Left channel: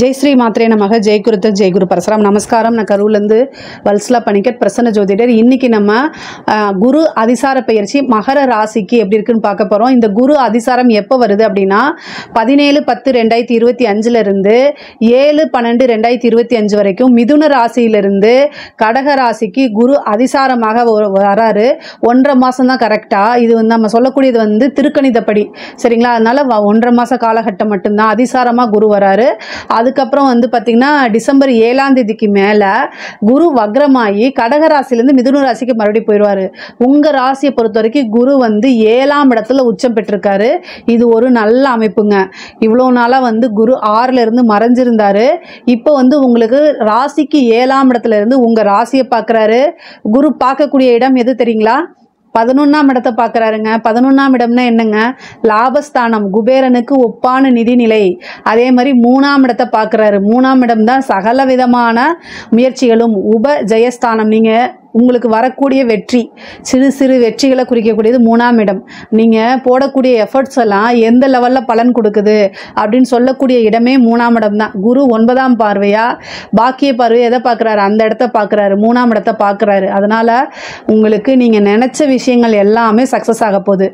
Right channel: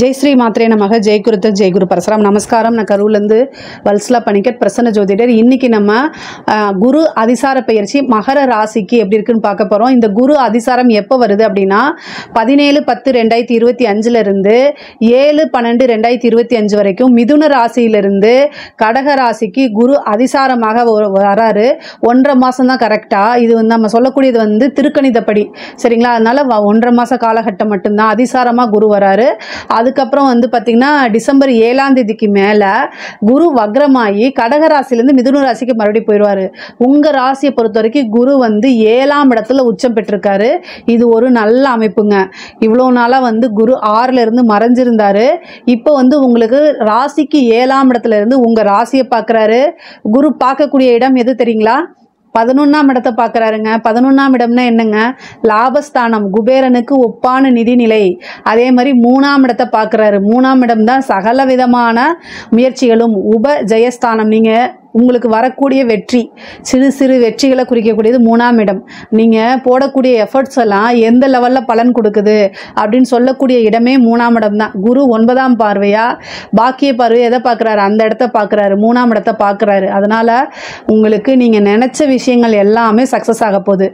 जय श्री मात्रे नमः जय गुरुत जय गुरु परशुराम நமஸ்காரம் நான் கரூர்லேருந்து வல்சலா பணிக்கர் பிரசன்ன ஜோதிடர். இன்னைக்கு நம்ம குரு அதிசார பெயர்ச்சி மகர ராசிக்கு எப்படி இருக்குன்னு பார்க்க போகிறோம். இந்த குரு அதிசாரம் எப்போ வருது அப்படின்னா 17-10-2025 இருந்து 7-12-2025 வரைக்கும் மிதுன ராசியிலிருந்து கடக ராசிக்கு குரு அதிசாரமாக வராரு. 1.5 மாதம் தான் கரெக்டாக. இது வந்து நம்ம சொல்லக்கூடியது வந்து திருக்கணிதப்படி, சரிங்களா? அதனால 1.5 மாத காலகட்டம் மட்டும்தான் அதிசாரமாக குரு வராரு. அதுக்கப்புறம் வந்து பார்த்தீங்கன்னா டிசம்பர் 7ஆம் தேதிக்கு மேலே குரு வக்ரமாகி கடகராசிலேருந்து மிதுன ராசிக்கு மறுபடியும் போயிடுவார். உங்கள் ராசியை பொறுத்த வரைக்கும் குரு வந்து 7ஆம் இடத்துல உச்சம் பெற்றிருக்காரு. இது ஒரு நல்ல அமைப்புங்க. இவ்வளோ நாளாக வந்து குரு 6ல் இருந்து மறைஞ்சிருந்தாரு. இப்போ வந்து உங்களுக்கு ராசிக்கு 7ஆம் இடத்துல இருந்து உங்கள் ராசியை பார்க்குறாரு. குரு பார்க்கக்கூடிய இடம் எது தெரியுங்களா? 11ஆம் இடத்தை பார்க்குறாருங்க. 11ஆம் இடம்னா என்னங்க? லாபஸ்தானம், குபேரனுக்கு ஒப்பான நிதிநிலை. அதே மாதிரி 3ஆம் இடத்தை பார்க்குறாரு. 3ஆம் இடம் தான் சகல விதமான முயற்சிகளும் உப ஜெயஸ்தானம். நீங்கள் உங்களுக்கு வரக்கூடிய வெற்றி, சிறு சிறு வெற்றிகளை குறிக்கக்கூடியது 3ஆம் இடம். நீங்கள் போடக்கூடிய எஃபர்ட்ஸ் எல்லாம் எந்த லெவலில் பலன் கொடுக்குது அப்படின்னு சொல்லக்கூடிய இடமே 3ஆம் இடம் தான். குரு 9ஆம் பார்வையாக பாக்கிய பார்வையை எதை பார்க்குறாரு? அந்த இடத்த பார்க்குறாரு, 3ஆம் இடத்தை பார்க்குறாரு. அதனால் உங்களுக்கு நீங்கள் நினச்ச விஷயங்கள் எல்லாமே சக்ஸஸ் ஆக போகுது.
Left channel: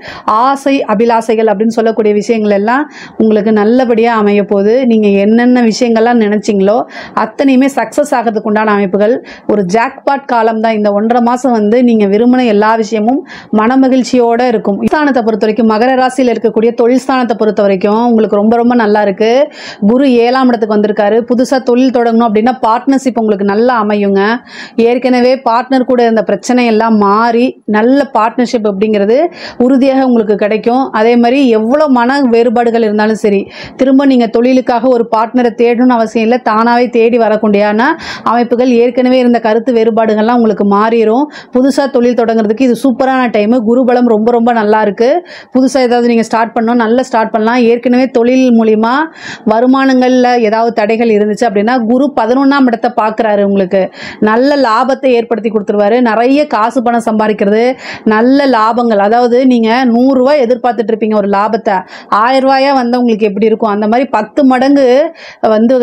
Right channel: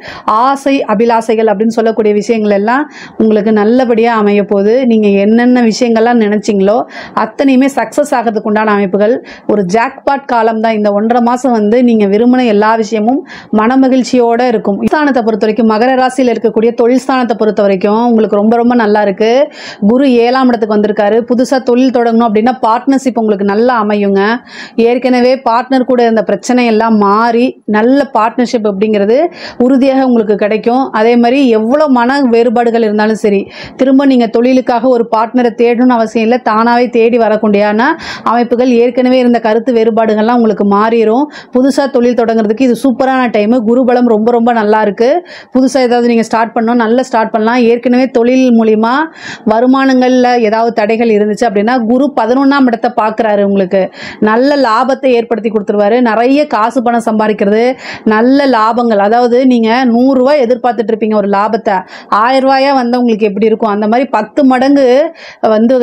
ஆசை அபிலாசைகள் அப்படின்னு சொல்லக்கூடிய விஷயங்கள் எல்லாம் உங்களுக்கு நல்லபடியாக அமைய போகுது. நீங்கள் என்னென்ன விஷயங்கள்லாம் நினச்சிங்களோ அத்தனையுமே சக்ஸஸ் ஆகிறதுக்கு உண்டான அமைப்புகள். ஒரு ஜாக்பாட் காலம் தான் இந்த 1.5 மாதம். வந்து நீங்கள் விரும்பின எல்லா விஷயமும் மன மகிழ்ச்சியோடு இருக்கும். ஸ்தானத்தை பொறுத்த வரைக்கும் மகர ராசியில் இருக்கக்கூடிய தொழில் ஸ்தானத்தை பொறுத்த வரைக்கும் உங்களுக்கு ரொம்ப ரொம்ப நல்லா இருக்கு. குரு 7ஆம் இடத்துக்கு வந்திருக்காரு. புதுசாக தொழில் தொடங்கணும் அப்படின்னா பார்ட்னர்ஷிப் உங்களுக்கு நல்லா அமையுங்க. ஏற்கனவே பார்ட்னர் கூட இருந்த பிரச்சனை எல்லாம் மாறி நல்ல பார்ட்னர்ஷிப் அப்படிங்கிறது உறுதியாக உங்களுக்கு கிடைக்கும். அதே மாதிரி எவ்வளோ மன வேறுபாடுகள் இருந்தாலும் சரி, திரும்ப நீங்கள் தொழிலுக்காக ஒரு பார்ட்னரை தேடணும்னு அவசியம் இல்லை. தானாகவே தேடி வரக்கூடியான அமைப்புகள். ஏற்கனவே இருந்த கருத்து வேறுபாடுகள்லாம் உங்களுக்கு மாறிடும். புதுசாக தொழில் தொடங்குறதுக்கு இது சூப்பரான டைமு. குருபலம் ரொம்ப ரொம்ப நல்லா இருக்கு. புதுசாக ஏதாவது நீங்கள் ஸ்டார்ட் பண்ணணும், நல்லா ஸ்டார்ட் பண்ணலாம். ஏற்கனவே தொழில் மூலிமா வருமானங்களில் ஏதாவது தடைகள் இருந்துச்சு அப்படின்னா குரு 11ஆம் இடத்தை பார்க்குறாரு. உங்களுக்கு நல்ல லாபத்தை ஏற்படுத்தி கொடுத்துருவாரு. நிறைய காசு பணம் சம்பாதிக்கிறது, நல்ல லாபங்கள். அதாவது நீங்கள் 100 ரூபாய் எதிர்பார்த்துட்டு இருப்பீங்க ஒரு லாபத்தை, 1000 ரூபாயா வந்து உங்களுக்கு எப்படி இருக்கும்? அந்த மாதிரி 10 மடங்கு வந்து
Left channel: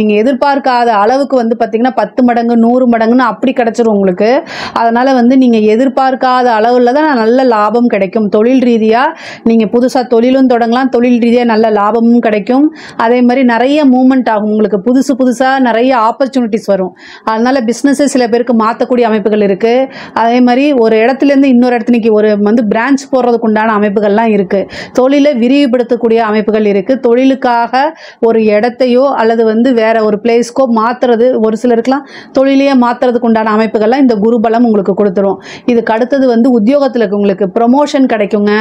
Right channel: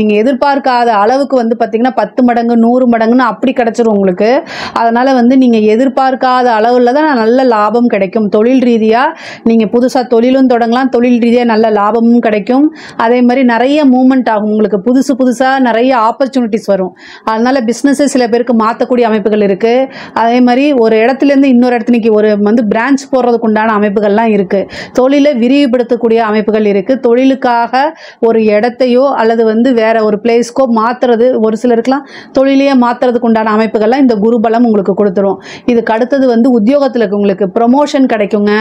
நீங்கள் எதிர்பார்க்காத அளவுக்கு வந்து பார்த்தீங்கன்னா 10 மடங்கு 100 மடங்குன்னு அப்படி கிடைச்சிரும் உங்களுக்கு. அதனால் வந்து நீங்கள் எதிர்பார்க்காத அளவில் தான் நல்ல லாபம் கிடைக்கும். தொழில் ரீதியாக நீங்கள் புதுசாக தொழிலும் தொடங்கலாம், தொழில் ரீதியாக நல்ல லாபமும் கிடைக்கும். அதே மாதிரி நிறைய மூவ்மெண்ட் ஆகும் உங்களுக்கு. புதுசாக நிறைய ஆப்பர்ச்சுனிட்டிஸ் வரும். அதனால் பிஸ்னஸை சில பேருக்கு மாற்றக்கூடிய அமைப்புகள் இருக்குது. அதே மாதிரி ஒரு இடத்துலேருந்து இன்னொரு இடத்துக்கு ஒரு வந்து பிரான்ச் போடுறதுக்கு உண்டான அமைப்புகள்லாம் இருக்குது. தொழிலை விரிவுபடுத்தக்கூடிய அமைப்புகள் இருக்குது. தொழிலுக்காக ஒரு இடத்தையோ அல்லது வந்து வேற ஒரு பிளேஸ்க்கோ மாற்றுறது, ஒரு சிலருக்குலாம் தொழிலையே மாற்றுறதுக்கு உண்டான அமைப்புகள்லாம் இந்த குருபலம் உங்களுக்கு கொடுத்துரும். இதுக்கு அடுத்தது வந்து உத்தியோகத்தில் உங்களுக்கு ப்ரமோஷன் கிடைக்குங்க.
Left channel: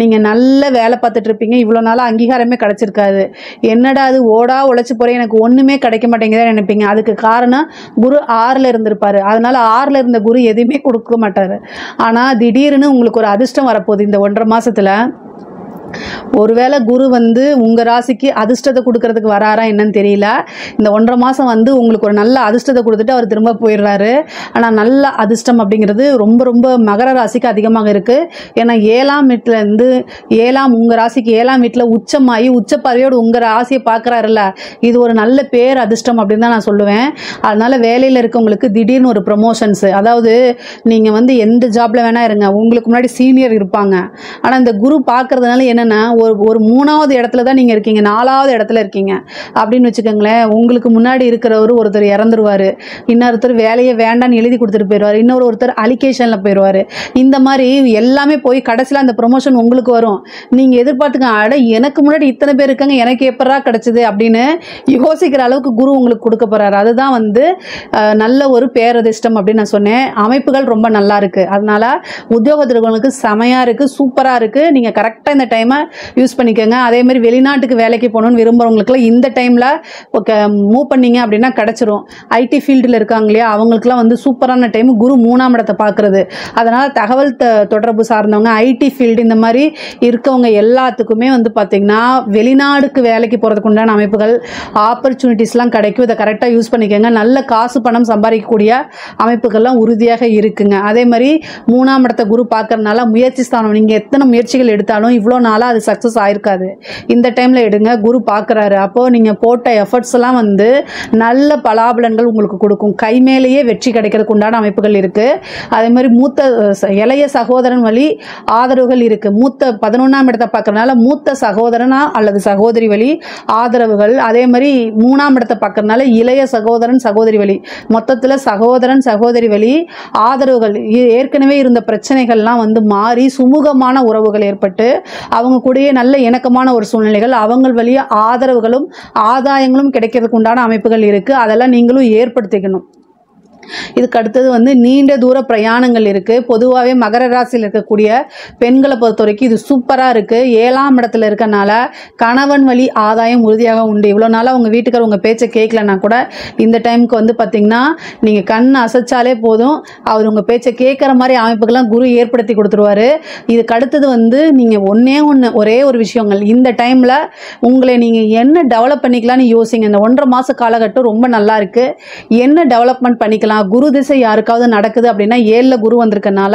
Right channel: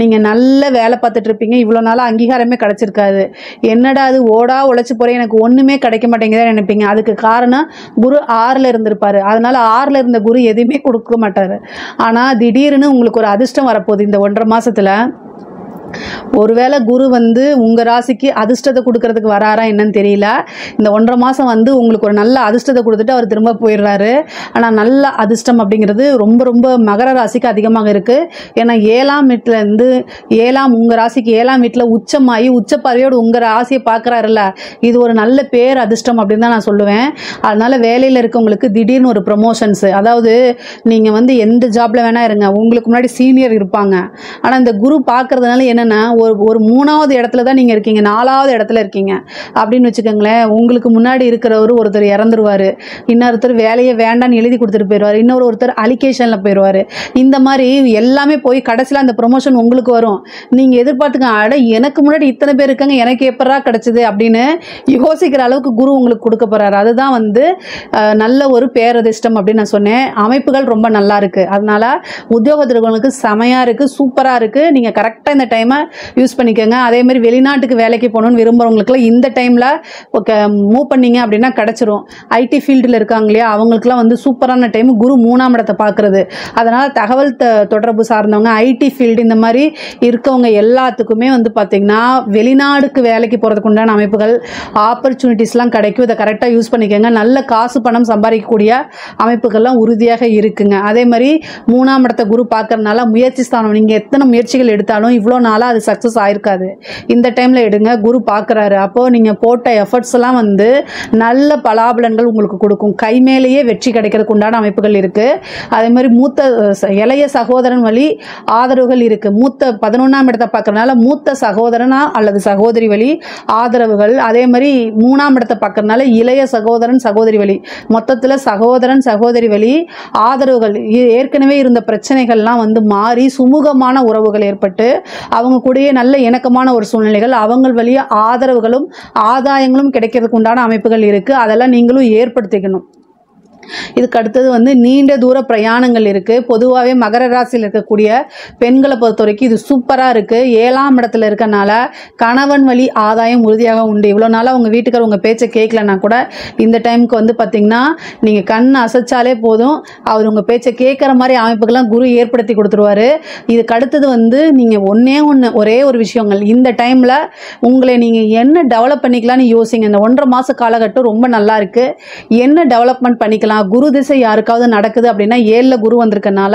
நீங்கள் நல்ல வேலை பார்த்துட்டு இருப்பீங்க. இவ்வளோ நாளாக அங்கீகாரமே கிடைச்சிருக்காது. என்னடா அது ஓடா உழைச்சி போகிறேன், எனக்கு ஒன்றுமே கிடைக்க மாட்டேங்குதுன்னு நினைப்பீங்க. அதுக்கு காரணம் குரு 6ல் இருந்திருப்பாரு. அதனால 6ல் இருந்த குரு எதுவுமே கொடுக்க மாட்டார். ஆனால் திடீர்னு உங்களுக்கு ஒரு அதிர்ஷ்டம் வரப்போகுது இந்த 1.5 மாதத்தில். ஒருவேளை குரு வந்து உங்கள் ராசிக்கு அதிர்ஷ்டத்தை கொடுக்கறதுக்கு வராரா என்னன்னு தெரியல. இந்த 1.5 மாதம் வந்து உங்களுக்கு ஒரு நல்ல அதிர்ஷ்டத்தை கொடுத்துட்டு அவர் திரும்ப போயிடுறாரு. ஆனால் நல்ல அதிர்ஷ்டம் அப்படிங்கிறது ரொம்ப ரொம்ப மகர ராசிக்கு அதிகமாக இருக்குது. ஏன்னா 7ஆம் வீட்டிலேருந்து உங்கள் ராசிக்கு 7ஆம் வீட்டில் உச்சமாகி உச்சப்பார்வையோடு உங்கள் ராசியை பார்க்குறாருல்ல, இது ஒரு நல்ல பேர் அதிர்ஷ்டம் அப்படின்னு தான் நான் சொல்லுவேன். அதனால் வேலையில் இருக்கவங்களுக்கு திடீர்னு ஒரு ப்ரமோஷன்ஸு, அதாவது நீங்கள் வந்து எந்த ஜாப்பில் வேணால் இருங்க, உங்களுக்கு முன்னாடி சீனியர் இருப்பாங்க. ஆனால் இந்த குரு பார்க்கறதுனால என்ன ஒரு 3ஆவது இடத்துல தான் நீங்க இருக்கீங்க, 4ஆவது இடத்துல இருக்கீங்க அப்படின்னு வச்சுக்கோங்களேன். உங்களுக்கு முன்னாடி இருக்கிறவர் ஒருத்தர் இறந்துருவாரு, இன்னொருத்தர் வேலையை வேண்டான்னு எழுதி கொடுத்துட்டு போயிடுவார், ஒருத்தர் அலிகேஷன்ல போயிடுவாரு. இந்த மாதிரி எல்லாமே போய் கடைசியில் அந்த ப்ரொமோஷன் உங்களுக்கு வரும். நீங்க எதிர்பார்த்துக்க, அட எனக்கு முன்னாடி இத்தனை பேர் இருக்காங்க, எனக்கு எப்படா கிடைச்சது அப்படின்னு யோசிக்கிற அளவுக்கு குரு உங்களுக்கு கொடுக்க போறாரு. அதுதான் வந்து நல்ல ஒரு பேரதிர்ஷ்டம் அப்படின்னு நான் சொன்னேன். அமைப்புகள் ரொம்ப நல்லா இருக்கு. அதனால உத்தியோகத்திற்கு செமையா இருக்கு, சூப்பரா இருக்கு. நீங்க கரெக்டா இந்த டைமை யூஸ் பண்ணிக்கோங்க. அதே மாதிரி வெளிநாட்டுக்கு வேலைக்கு போகணும்னு விரும்புறவங்களுக்குலாம் இந்த டைமில் மூவ் பண்ணீங்க அப்படின்னா கிடச்சிரும். ஐடி ஃபீல்டில் இருக்காங்க இல்லையா, அவங்களுக்குலாம் வந்து சூப்பரான டைம். குரு 3ஆம் இடத்தை பார்க்குறது. அதனால் தகவல் தொடர்பு சார்ந்தவங்க, ஐடி ஃபீல்டு இந்த மாதிரி இருக்கவங்க எல்லாத்துக்குமே வந்து பார்த்திங்கன்னா வெளிநாடுக்கு வேலைக்கு போகிறதுக்கு உண்டான அமைப்புகள், ஆப்பர்ச்சுனிட்டிஸ்லாம் கிடைக்கும். இதை கரெக்டாக யூஸ் பண்ணிக்கோங்க. நல்ல காசு பணம் சம்பாதிக்கக்கூடிய அமைப்புகள்லாம் உறுதியாக இருக்குங்க. அதே மாதிரி 3ஆம் இடத்தை குரு பார்க்கறதுனால முயற்சி ஸ்தானம், நீங்கள் எத்தனை முயற்சிகள் எடுத்தாலும் இவ்வளோ நாளாக அது சக்ஸஸ் ஆயிருக்காது. இந்த டைமில் எடுங்க, குரு பார்க்குறாரு. அப்போது நீங்கள் போட்ட எஃபர்ட்ஸ் எல்லாம் வந்து நல்ல பலாபலன்கள் உங்களுக்கு கொடுக்கும். கை மேலேயே வெற்றி கிடைக்கிறதுக்கு உண்டான அமைப்புகள் இருக்குது. அதே மாதிரி இளைய சகோதரன் வழி ஆதரவுகள் இருக்குது. 11ஆம் இடத்தை பார்க்கறதுனால மூத்த சகோதரனா அல்லது சகோதரி வழி ஆதரவுகள். அதே மாதிரி 3ஆம் இடத்தை பார்க்கறதுனால இளைய சகோதரன் சகோதரி வழி, மொத்தத்தில் சகோதரன் சகோதரி வழி ஆதரவுகள். ஏற்கனவே இருந்த பிரச்சனைகள்லாம் வந்து மாறி சுமூகமான உறவுகள் ஏற்பட்டு அவங்க கூடயே நல்ல இணக்கமான ஒரு சூழ்நிலைகள், அவங்க வழிய ஆதரவுகளும் ஆதாயங்களும் கிடைக்கிறதுக்கு உண்டான அமைப்புகள் இருக்குது. அதெல்லாம் நீங்களும் ஏற்படுத்திக்கணும். இதுக்கு அடுத்தது வந்து நீண்ட தூர பிரயாணங்கள் இருக்குது. பொதுவாகவே மகர ராசியில் இருக்கக்கூடிய பெண்களை பொறுத்த வரைக்கும் இது சூப்பராக இருக்குது. 7ஆம் இடத்துல இருக்கனால கணவன் வழி ஆதாயம் உறுதியாக உண்டு. இவ்வளோ நாளாக உங்கள் வீட்டுக்கார உங்கள் பேச்சை கேட்கலன்னா கூட இந்த டைமுக்கு வந்து பார்த்திங்கன்னா நீங்கள் கண் அசைச்சாலே போதும், அவர் உங்கள் பேச்சை கேட்குற மாதிரி அமைப்புகள்லாம் குரு ஏற்படுத்தி கொடுத்துருவாரு. இதுக்கு அடுத்தது வந்து நீங்கள் ஒரே ஒரு விஷயங்கள் இந்த டைமில் உங்களை நீங்கள் என்ன டெவலப் பண்ணிக்கலாம்னு யோசிங்க. இந்த 1.5 மாத காலகட்டம் ரொம்ப நல்லா இருக்குது. என்ன டெவலப்மெண்ட் பண்ணிக்கலாம்? குரு திசை யாருக்காவது நடக்குது அப்படின்னா 7ல் குரு வந்திருக்கனால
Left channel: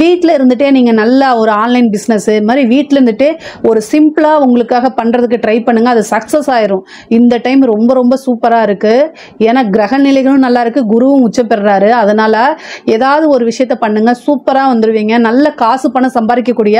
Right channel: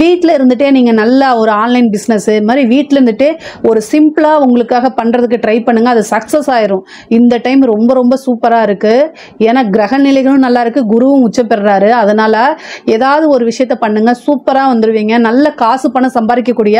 வீட்டில் இருந்துட்டே நீங்கள் நல்லா ஒரு ஆன்லைன் பிஸ்னஸ் மாதிரி வீட்டில் இருந்துட்டே ஒரு சிம்பிளாக உங்களுக்காக பண்ணுறதுக்கு ட்ரை பண்ணுங்கள். அது சக்ஸஸ் ஆயிரும். இந்த டைம் ரொம்ப ரொம்ப சூப்பராக இருக்குது. ஏன்னா கிரக நிலைகளும் நல்லா இருக்குது, குருவும் உச்சம் பெறுறாரு. அதனால் ஏதாவது ஒரு விஷயத்த பண்ணுங்கள், சூப்பராக வந்துடுவீங்க. நல்ல காசு பணம் சம்பாதிக்கக்கூடிய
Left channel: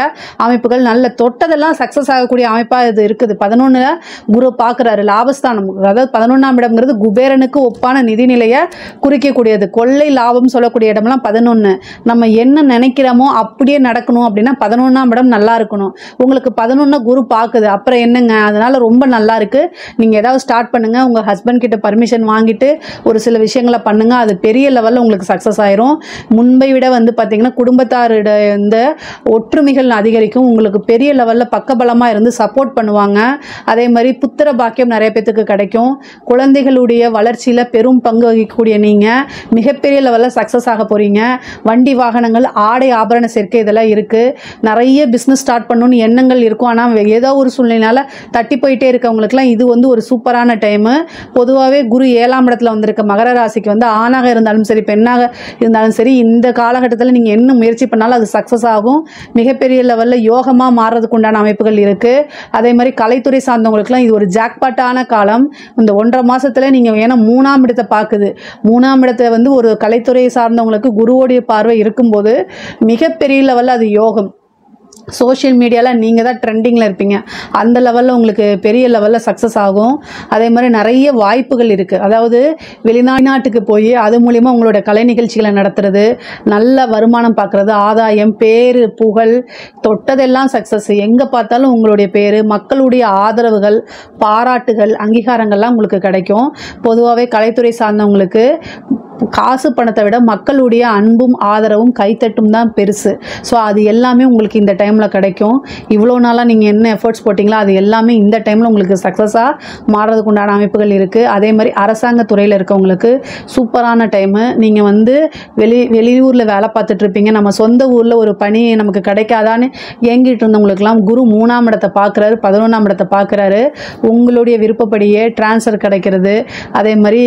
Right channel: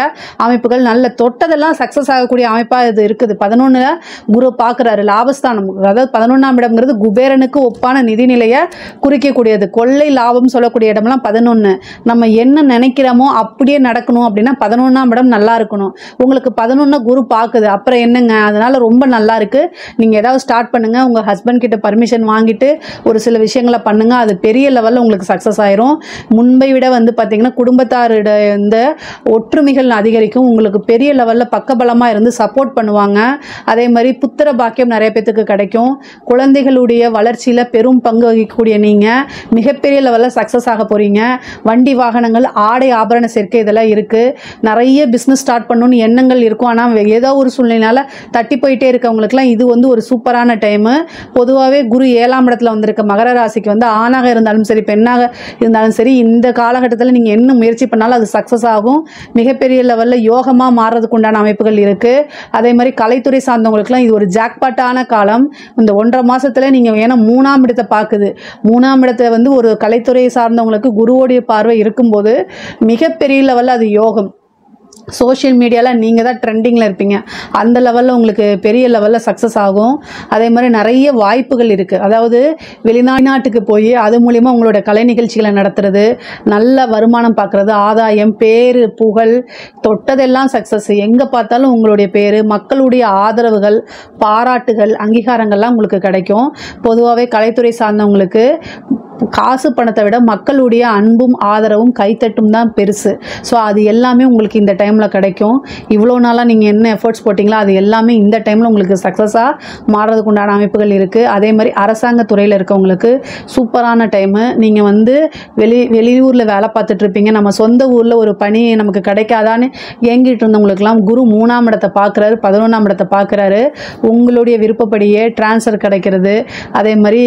அமைப்புகள், நல்ல தொட்டதெல்லாம் சக்ஸஸ் ஆகக்கூடிய அமைப்பாக இது இருக்குது. 11ல் குரு பார்க்குறாரு, லாபஸ்தானம். அதாவது 11ஆம் இடம்ங்கிறது குபேரனுக்கு ஒப்பான நிதிநிலையை குறிக்கக்கூடியது. கொள்ளை லாபம் சொல்லக்கூடிய இடம்லாம் 11. நம்ம என்ன நினைக்கிறோமோ அப்படியே நடக்கணும் அப்படின்னா 11ஆம் இடம் நல்லா இருக்கணும். உங்களுக்கு 11 குரு பார்க்குது, அப்புறம் என்னங்க? அதனால ரொம்ப நல்லா இருக்கு. நீங்கள் ஏதாவது ஸ்டார்ட் பண்ணுங்க, உங்கள் ஹஸ்பண்ட் கிட்ட பர்மிஷன் வாங்கிட்டு ஒரு சில விஷயங்களை பண்ணுங்க. அது பெரிய லெவலில் உங்களுக்கு சக்ஸஸ் ஆயிரும். முன்பை விட வந்து பார்த்தீங்கன்னா குடும்பத்தாரோட இந்த ஒற்றுமைகள் அதிகரிக்கும். உங்களுக்கு பெரிய லெவலில் பக்கபலமாக இருந்து சப்போர்ட் பண்ணுவாங்க. அதே மாதிரி புத்திர பாக்கியம் நிறைய பேத்துக்கு கிடைக்கும். குழந்தைகளுடைய வளர்ச்சியில் பெரும் பங்கு வகிக்கக்கூடிய நீங்கள் மிகப்பெரிய லெவலில் சக்ஸஸ் ஆக போகிறீங்க. வண்டி வாகனங்கள், ஆடை ஆபரண சேர்க்கை இதெல்லாம் இருக்குது. நிறைய பிஸ்னஸ் ஸ்டார்ட் பண்ணணும்னு எண்ணங்கள் இருக்கும். ஆனால் ஏதோ ஒரு சூழ்நிலையால் தட்டி போயிட்டே இருக்கவங்களுக்குலாம் இது வந்து ஒரு சூப்பரான டைமு. பொதுவாகவே குரு 7ஆம் இடத்துல வந்திருக்க மகர ராசிக்கு வந்து ஆணாக இருந்தாலும் சரி பெண்ணாக இருந்தாலும் சரி இந்த காலகட்டத்தில் நீங்கள் என்ன முயற்சி பண்ணாலும் அது சக்ஸஸ் ஆகும். மிகப்பெரிய லெவலில் யோகமாக மாறுறதுக்கு உண்டான அமைப்புகள் இருக்குது. அதே மாதிரி கலைத்துறை சார்ந்தவங்களுக்குலாம் இது ஒரு ஜாக்பாட்டான காலம். இந்த 1.5 மாதத்தில் நீங்கள் ஏன்னா 3ஆம் இடத்தை பார்க்குது. 3ஆம் இடத்தை வந்து ஒரு கலைத்துறையை சார்ந்தவங்களுக்கு குருவோடைய பார்வை இருக்கும்போது மிகப்பெரிய லெவலில் அது யோகம். சோஷியல் மீடியாவில் நீங்கள் தான் ட்ரெண்டிங்கில் இருப்பீங்க. அந்த லெவலில் உங்களுக்கு பெரிய லெவலில் சக்ஸஸ் ஆகும். அதே மாதிரி நிறைய வாய்ப்புகள் இருக்குது. அதாவது வெளிநாட்டுக்கு போய் அது மூலிமா உங்களோட கலை நிகழ்ச்சிகளை நடத்துறது, நல்ல வருமானம் பார்க்குறது, ஆதாயம், பேர், புகழ், தொட்டதெல்லாம் சக்ஸஸ். எங்கே பார்த்தாலும் உங்களுடைய பேர், மக்களுடைய ஆதரவுகள், பாராட்டுகள், அங்கீகாரங்கள்லாம் உங்களுக்கு கிடைக்கும். பொதுவாகவே கலைத்துறை சார்ந்தவங்களுக்கு காசு பணத்தை விட மக்களுடைய அன்பும் ஆதரவும் கைத்தட்டும் தான் பெருசு. ஸோ அது எல்லாமே உங்களுக்கு இந்த டைமில் கிடைக்கும். இவ்வளோ நாளாக நீங்கள் என்ன எஃபர்ட்ஸ் போட்டிங்களோ அது எல்லாமே இந்த டைமில் உங்களுக்கு சக்ஸஸாக மாறுறதுக்கு உண்டான அமைப்புகள் இருக்குது. அதே மாதிரி அரசாங்க துறையில் இருக்கவங்களுக்கு சூப்பரான டைமு. நீங்கள் வந்து வெளியூரில் வேலை பார்த்துட்ருப்பீங்க, நம்ம சொந்த ஊரில் ஒரு பணி நமக்கு கிடைக்காதான்னு ஏங்கிட்டு இருந்தவங்களுக்குலாம் குரு 3ஆம் இடத்தை பார்க்குறாரு, 11ஆம் இடத்தை பார்க்குறாரு. உங்களுடைய விருப்பப்படியே டிரான்ஸ்ஃபர் கிடைக்கிறது, அதே மாதிரி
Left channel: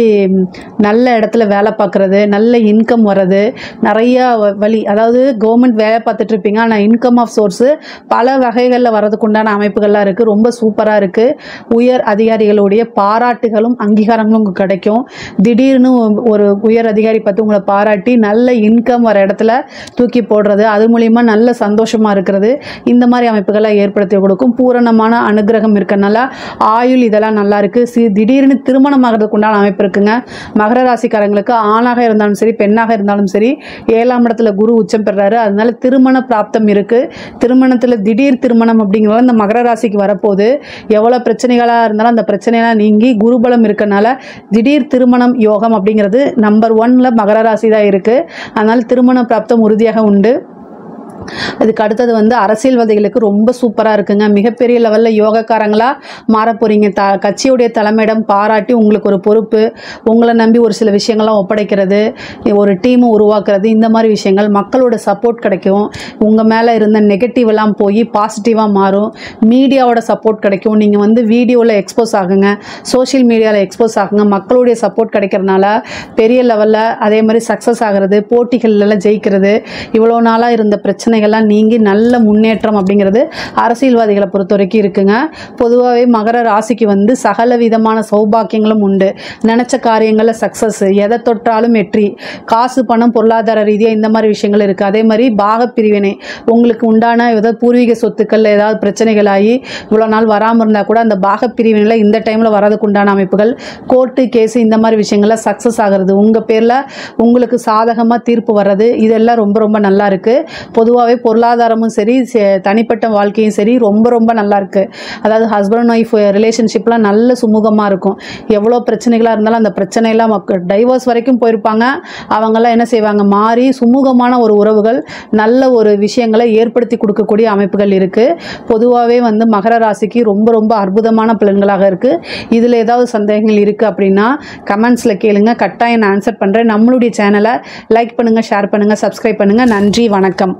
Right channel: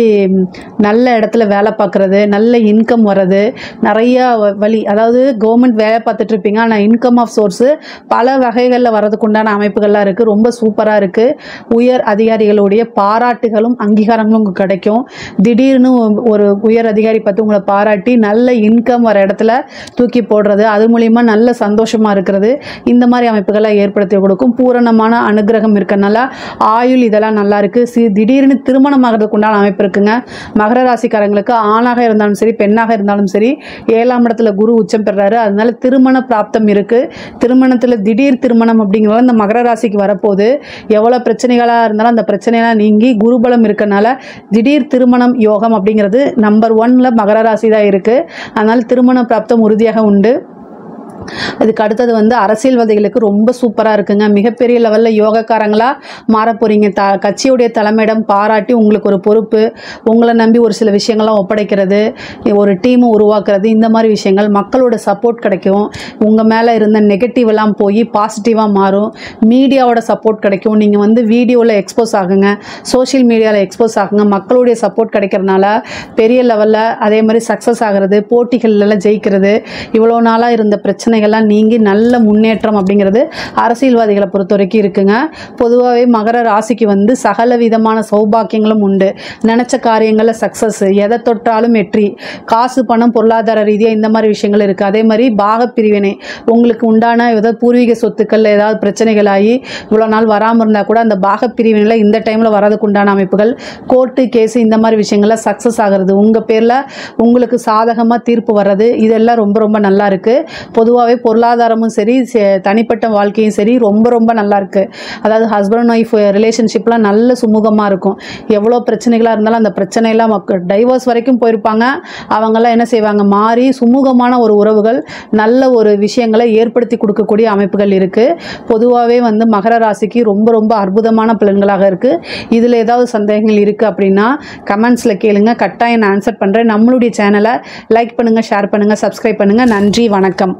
நல்ல இடத்துல வேலை பார்க்குறது, நல்ல இன்கம் வர்றது, நிறைய வழி. அதாவது கவர்மெண்ட் வேலை பார்த்துட்டு இருப்பீங்க, ஆனால் இன்கம் ஆஃப் சோர்ஸு பல வகைகளில் வர்றதுக்கு உண்டான அமைப்புகள்லாம் இருக்குது. ரொம்ப சூப்பராக இருக்குது. உயர் அதிகாரிகளுடைய பாராட்டுகளும் அங்கீகாரங்களும் உங்களுக்கு கிடைக்கும். திடீர்னு ஒரு உயர் அதிகாரி பார்த்து உங்களை பாராட்டி நல்ல இன்கம் வர இடத்துல தூக்கி போடுறது, அது மூலிமா நல்ல சந்தோஷமாக இருக்கிறது, இந்த மாதிரி அமைப்புகளை ஏற்படுத்தி கொடுக்கும். பூரணமான அனுகிரகம் இருக்கனால ஆயுள் இதெல்லாம் நல்லா இருக்குது. திடீர்னு திருமணம் ஆகிறதுக்கு உண்டான அமைப்பு இருக்குங்க. மகர ராசிக்காரங்களுக்கு ஆணாக இருந்தாலும் சரி பெண்ணாக இருந்தாலும் சரி 7ஆம் இடத்துல குரு உச்சம் பெறாரு. அதனால திருமண பிராப்தம் இருக்கு. திருமணத்தில் திடீர் திருமணம் அப்படிங்கிறத இந்த மகர ராசிக்கு வரப்போகுது. எவ்வளோ பிரச்சனைகளாக இருந்தாலும் அந்த பிரச்சனைலாம் நீங்கி குருபலம் இருக்கனால திடீர் திருமணம் யோகம் அப்படிங்கிறது நம்பர் 1ல் மகர ராசி தான் இருக்குது. அதனால திருமண பிராப்தம் உறுதியாக உண்டு. அதுக்கு அடுத்தது வந்து அரசியல்வாதிகளுக்கு ரொம்ப சூப்பராக இருக்குங்க. மிகப்பெரிய லெவலில் யோகக்காரங்களாக மாற போகிறீங்க. கட்சியுடைய தலைமையிடம் பாராட்டி உங்களுக்கு ஒரு பொறுப்பு, உங்களை நம்பி ஒரு சில விஷயங்கள்லாம் ஒப்படைக்கிறது, ஒரு டீமை உருவாக்குறது, இந்த மாதிரி விஷயங்கள் மக்களோட சப்போர்ட் கிடைக்கும். உங்கள் மேலே இருந்த நெகட்டிவெல்லாம் போய் பாசிட்டிவாக மாறும். மீடியாவோட சப்போர்ட் கிடைக்கும். நீங்கள் வந்து வீடியோவில் எக்ஸ்போஸ் ஆகுங்க, சோஷியல் மீடியாவில் எக்ஸ்போஸ் ஆகுங்க. மக்களுடைய சப்போர்ட் கிடைக்கிறதுனால பெரிய லெவலில் அதே மாதிரி சக்ஸஸ் ஆகிறது, போட்டிகளெல்லாம் ஜெயிக்கிறது, இவ்வளோ நாளாக இருந்த பிரச்சனை பிரச்சனைகள்லாம் நீங்கி நல்ல முன்னேற்றம் அப்படிங்கிறது அரசியல்வாதிகளை பொறுத்த வரைக்கும் இருக்குங்க. பொதுவாகவே மகர ராசிக்கு வந்து சகல விதமான சௌபாக்கியங்களும் உண்டு. நினச்ச காரியங்களில் சக்ஸஸ், எதை தொட்டாலும் வெற்றி, காசு பணம் பொருளாதார ரீதியாக இந்த மாதிரி விஷயங்கள் இருக்குது. அதே மாதிரி பாகப்பிரிவினை, உங்களுக்கு உண்டான ஏதாவது பூர்வீக சொத்துக்கள் ஏதாவது பிரச்சனைகளாகி இவ்வளோ நாள் வராமல் இருந்தால் கூட அந்த பாகப்பிரிவினையில் இந்த டைமில் வரதுக்கு உண்டான அமைப்புகள், கோர்ட்டு கேஸு இந்த மாதிரி விஷயங்கள்லாம் சக்ஸஸ் ஆகிறது, உங்கள் பேரில் உங்களுக்கு சாதகமாக தீர்ப்பு வர்றது, இதெல்லாம் ரொம்ப ரொம்ப நல்லா இருக்குது. பொதுவாகவே பொருளாதாரமும் சரி தனிப்பட்ட வாழ்க்கையும் சரி ரொம்ப ரொம்ப நல்லா இருக்குது. அதாவது ஹஸ்பண்ட் அண்ட் ஒய்ஃப் ரிலேஷன்ஷிப்லாம் நல்ல சுமூகமாக இருக்கும். எவ்வளோ பிரச்சனைகளாக இருந்தாலும் அந்த பிரச்சனையெல்லாம் டைவர்ஸ் வரைக்கும் போயிருப்பாங்க, அவங்கெல்லாம் என்ன செய்வாங்க, மாறி சுமூகமான ஒரு உறவுகள் நல்ல ஒரு விஷயங்களை ஏற்படுத்தி கொடுக்கக்கூடிய அமைப்புகள் இருக்குது. பொதுவாகவே வந்து மகர ராசிக்கு ரொம்ப ரொம்ப அற்புதமான பலன்களாக இருக்குது. இதில் ஏதாவது சந்தேகங்கள் இருக்குது அப்படின்னா கமெண்ட்ஸில் கேளுங்க, கட்டாயம் நான் ஆன்சர் பண்ணுறேன். நம்மளுடைய சேனலை லைக் பண்ணுங்கள், ஷேர் பண்ணுங்கள், சப்ஸ்கிரைப் பண்ணுங்கள். நன்றி, வணக்கம்.